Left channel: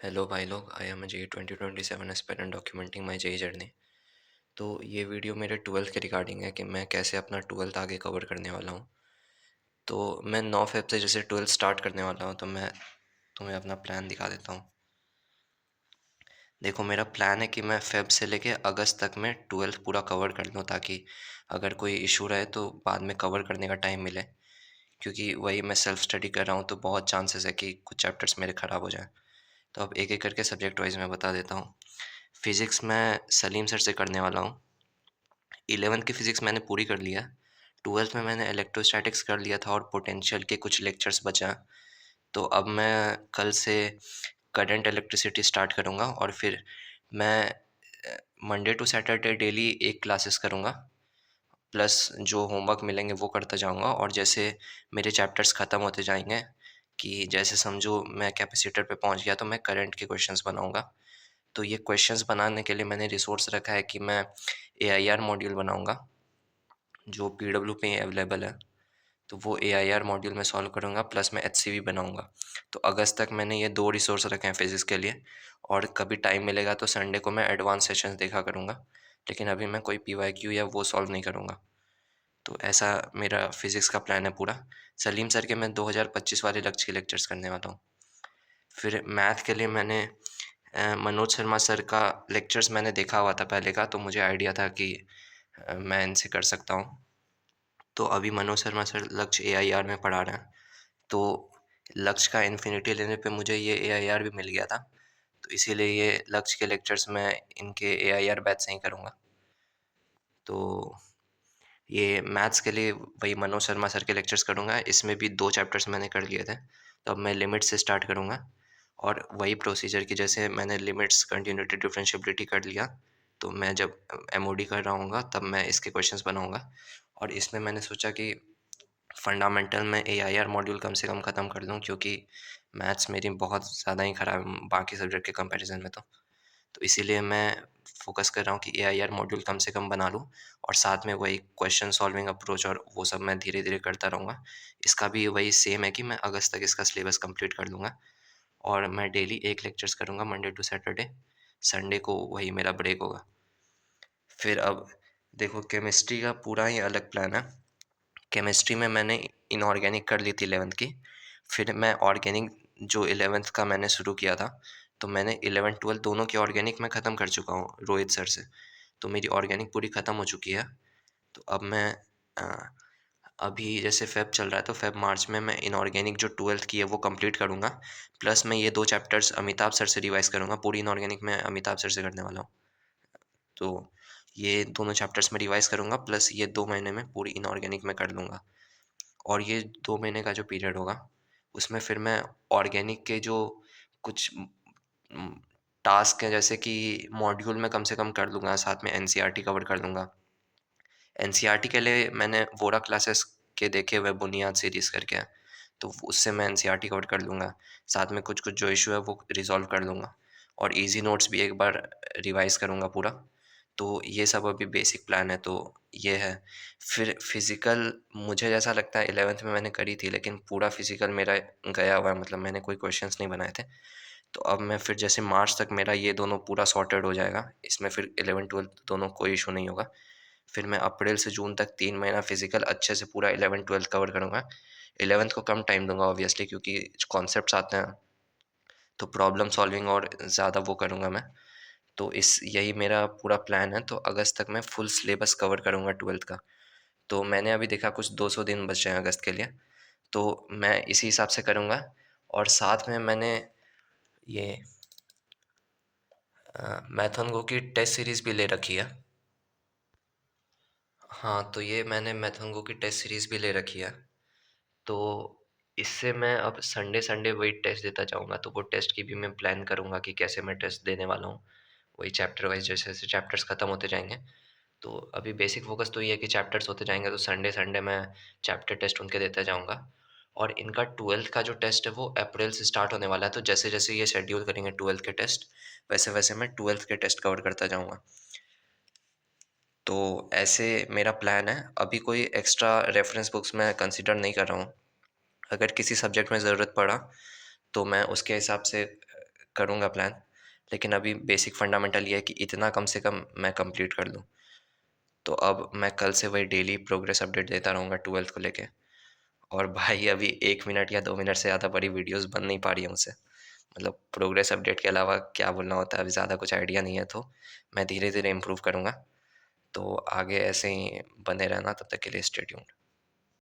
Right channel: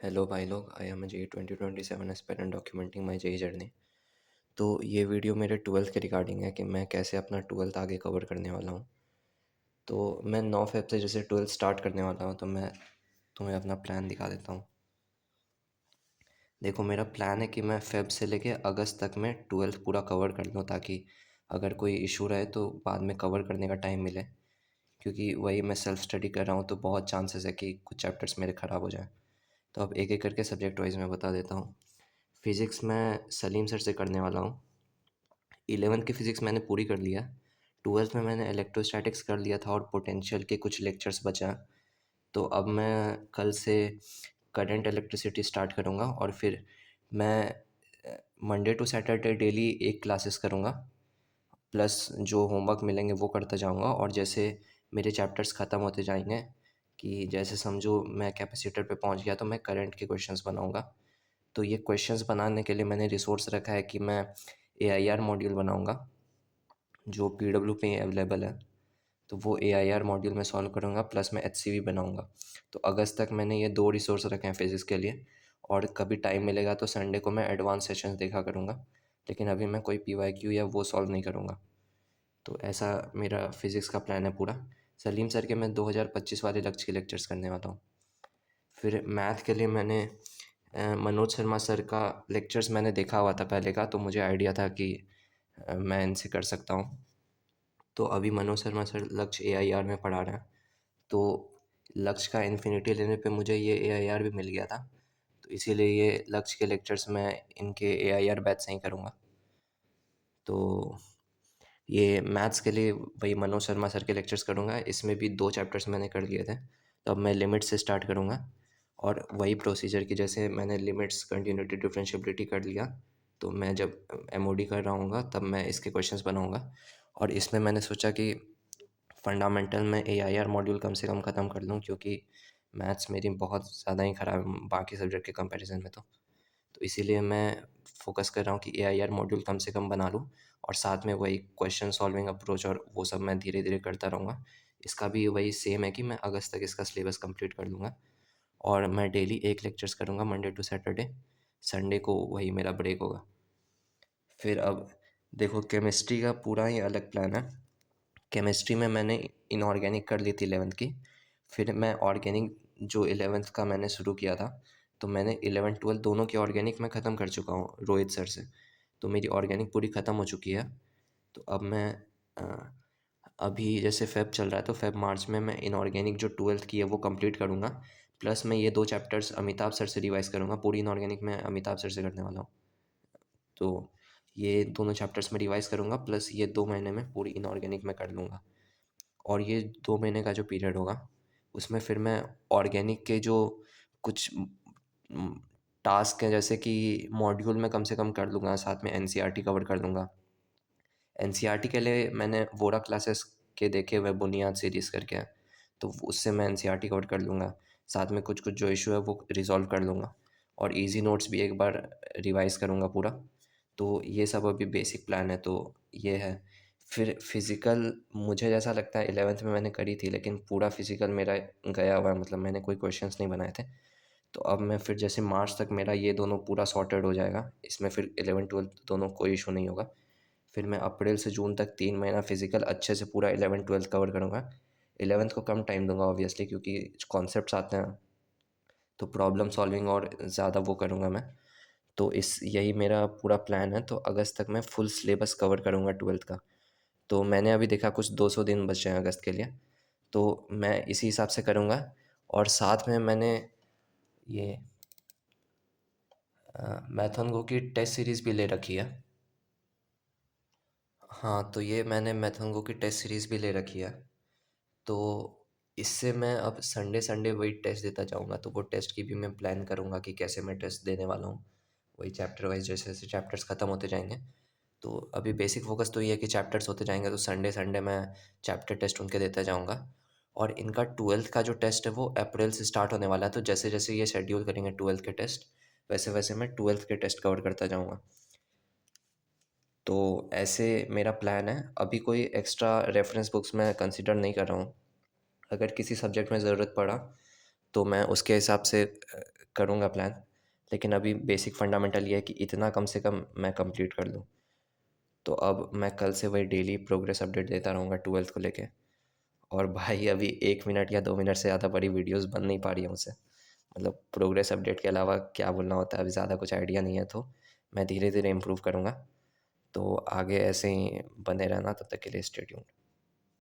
Hello भाई लोग, I am JEE 2027 aspirant documenting my JEE journey. तो ये वीडियो मेरे ट्वेल्थ के रिगार्डिंग है कि मैं कैसे अपना ट्वेल्थ आगे कवर करने वाला हूँ। तो मैं 9 फ़ेब से जैसे ट्वेल्थ स्टार्ट करने वाला हूँ, तो मैं तुम्हें अपना प्लान दिखा देता हूँ। देखो, मेरा प्लान है कि मैं फ़ेब से लेके अगस्त तक में ट्वेल्थ पूरा कवर कर लूँ, ताकि अगर कोई इशू रहे तो बाद में कवर करने का टाइम मिले। क्योंकि वही मैं सेल्फ स्टडी कर रहा हूँ, तो बहुत चांसेस है कि कुछ चैप्टर्स मेरे ख़राब हो जाएँ। तो अब एक-एक करके सब्जेक्ट वाइज़ मैं बता देता हूँ। फ़िज़िक्स मैं सलीम सर से करने वाला हूँ। 11th की फ़िज़िक्स मैंने पूरी कर लिया। 12th में मैंने इलेक्ट्रोस्टैटिक्स कर लिया था और पोटेंशियल के कुछ लेक्चर्स बचा हैं। तो अब मैं कल से करंट इलेक्ट्रिसिटी स्टार्ट करूँगा और फिर मैं Monday to Saturday daily 1 classes करूँगा। प्लस जो होमवर्क मिलेंगे वो करता जाऊँगा, और जैसे मेरे चैप्टर्स ख़त्म होते जाएँगे, कि जैसे समझो मैं कैपेसिटर पे पहुँच गया, तो मैं करंट के क्वेश्चंस बनाऊँगा। तो ये क्वेश्चंस बनाने के लिए मैंने रिसोर्स रखा है कि मैं एआईआर मॉड्यूल बनाऊँगा, जो पीडब्ल्यू पे अवेलेबल है। तो वो एआईआर मॉड्यूल मैं सॉल्व करूँगा, प्लस मैं एचसीवी बनाऊँगा। तो अगस्त तक मैंने ये 2 रिसोर्स रखे हैं फिज़िक्स के लिए, और कभी टाइम मिलेगा तो संडे को मैं एडवांस सेशंस देखा करूँगा। लेकिन अभी मैं कोई पीवाईक्यू या वो सॉल्व नहीं करूँगा। तो ऐसा मेरा फिज़िक्स का प्लान है पूरा। सलीम सर के मैं 2025 वाले लक्ष्य के लेक्चर्स करने वाला हूँ। फिर मैथ के लिए मैंने मनोज शर्मा सर का लेक्चर्स मैंने देखा हुआ था पहले का, तो मुझे आइडिया था कि मैं इनसे कर सकता हूँ। तो अभी मनोज शर्मा सर लक्ष्य एआईआर में पढ़ा रहे हैं। तो लक्ष्य का इन्फिनिटी लेने पे मुझे ये एआईआर भी मिल गया था। तो इसीलिए ये लक्ष्य के लेक्चर्स मैं इनके एआईआर बैच से ही करूँगा। तो ये मैथ्स के लिए वही मनोज शर्मा सर के लेक्चर्स करूँगा। इसमें भी 2 चैप्टर्स मैंने कर लिए थे। तो अब मैं लिमिट से स्टार्ट करूँगा, और वही प्रोसीजर कि जैसे मैंने लिमिट्स, कंटीन्यूटी, डिफरेंशिएबिलिटी कर लिया, तो मैं जब एमओडी कर रहा हूँगा तब मैं इसके क्वेश्चंस बनाऊँगा। और इसमें मैंने सोचा कि फंडामेंटल में एआईआर मॉड्यूल कम से कम ख़त्म कर लूँ, क्योंकि मैथ्स मेरी बहुत ज़्यादा ही ख़राब है बाकी सब्जेक्ट के कंपैरिज़न में तो। तो इसीलिए मैं फ़ोकस कर रहा हूँ कि एआईआर मॉड्यूल कम से कम बना लूँ, और साथ में वही क्वेश्चन सॉल्विंग अप्रोच और वो सब मैं धीरे-धीरे करता रहूँगा। इसका भी वही सेम है कि मैं अगस्त तक इसका सिलेबस कंप्लीट कर लूँगा, और मैं डेली 1 लेक्चर्स करूँगा मंडे टू सैटरडे। संडे को वही मेरा ब्रेक होगा। फिर अब देखो, केमिस्ट्री का पूरा ही अलग प्लान है। केमिस्ट्री में मैंने इनऑर्गेनिक कर ली थी 11th की। फिर मैं ऑर्गेनिक जो 11th का मैंने शुरू किया था, तो मैंने 11-12 दोनों की ऑर्गेनिक मैं ख़त्म कर चुका हूँ रोहित सर से। तो मेरी ऑर्गेनिक पूरी ख़त्म हो चुकी है। तो अब मैं अ, अभी जैसे फ़ेब चल रहा है, तो फ़ेब-मार्च में मैं इनऑर्गेनिक जो 12th की है वो कंप्लीट करूँगा। प्लस मैं ये 2 चैप्टर्स अमिताभ सर से रिवाइज़ करूँगा। पूरी इनऑर्गेनिक मैं अमिताभ सर से करने वाला हूँ। तो ये दोनों चैप्टर्स मैं रिवाइज़ करूँगा, प्लस ये 2 महीने में पूरी इनऑर्गेनिक मैं कर लूँगा। और ये 2 महीने का जो पीरियड होगा, उसमें फिर मैं ऑर्गेनिक के जो कुछ उम, टास्क हैं, जैसे कि मॉड्यूल मैं कम से कम कर लूँगा, साथ में एनसीईआरटी कवर कर लूँगा। एनसीईआरटी के लिए मैंने वोरा क्लासेस के देखे हुए बुनियाद सीरीज़ करके हैं, तो उससे मैं एनसीईआरटी कवर कर लूँगा। साथ में कुछ-कुछ जो इश्यू है वो रिज़ॉल्व कर लूँगा, और ईज़ी नोट्स भी एक बार रिवाइज़ करूँगा पूरा। तो ये सब अभी बेसिक प्लान है, तो ये है। फिर फ़िज़िकल मुझे जैसा लगता है 11th में मैंने करी थी, लेकिन पूरा फ़िज़िकल मेरा गया हुआ है, मतलब मैंने कोई क्वेश्चंस नहीं बनाए थे। तो अब मैं फिर जैसे मार्च तक मेरा ये दोनों पूरा सॉर्टेड हो जाएगा। इसमें फिर 11-12 दोनों कोई इश्यू नहीं होगा। फिर मैं अप्रैल से जून तक 3 महीना फ़िज़िकल अच्छे से पूरा 11-12 कवर करूँगा। 11th को कम टाइम दूँगा ऑब्वियसली, क्योंकि कॉन्सेप्ट्स आते हैं, तो प्रॉब्लम सॉल्विंग और ज़्यादा वो करूँगा मैं। तो इस यही मेरा पूरा प्लान है, तो अगस्त तक मैं फुल सिलेबस कवर करूँगा 12th का। तो मैंने अभी देखा कुछ 200 दिन बचे हैं अगस्त के लिए, तो मैं इसी हिसाब से करूँगा। और साथ में मैंने ये मैथन की टेस्ट सीरीज़ भी ले रखी है। हाँ, तो ये मैंने मैथन की टेस्ट सीरीज़ भी ले रखी है। तो इससे मैं अब संडे-संडे वही टेस्ट देता जाऊँगा, तो वो टेस्ट की भी मैं प्लान करूँगा कि कैसे मैं टेस्ट देने वाला हूँ। वही चैप्टर वाइज़ जैसे-जैसे चैप्टर्स खत्म होते जाएँगे। तो अभी बेसिक फ़ोकस तो ये है कि चैप्टर्स होते जाएँगे, तो संडे-संडे मैं चैप्टर टेस्ट उनके देता जाऊँगा। और इनका 12th का जो टेस्ट है वो अप्रैल से स्टार्ट होने वाला है, तो जैसे-जैसे ये शेड्यूल करेंगे 12th के टेस्ट, वैसे-वैसे मैं 12th के टेस्ट कवर करता जाऊँगा। तो ऐसे मेरा प्लान है। अभी कोई एक्स्ट्रा रेफ़रेंस बुक्स मैं कंसीडर नहीं कर रहा हूँ। अगर किसी सब्जेक्ट में ज़रूरत पड़ा, तो मैं उसके हिसाब से करूँगा प्लान, लेकिन अभी बेसिक फंडामेंटल ये है कि इतना कम से कम मैं कंप्लीट कर लूँ। तो अब मैं कल से वही डेली प्रोग्रेस अपडेट देता रहूँगा 12th को लेके। और भाई अभी 1 मिनट या 2 मिनट से ज़्यादा बड़ी वीडियोज़ बन नहीं पा रही हैं मुझसे। मतलब प्रोग्रेस अपडेट के अलावा क्या बोलना होता है, अभी ज़्यादा कुछ आइडिया नहीं है, तो मैं धीरे-धीरे इम्प्रूव करूँगा। तो आगे ऐसे ही बने रहना, तब तक के लिए स्टे ट्यून्ड।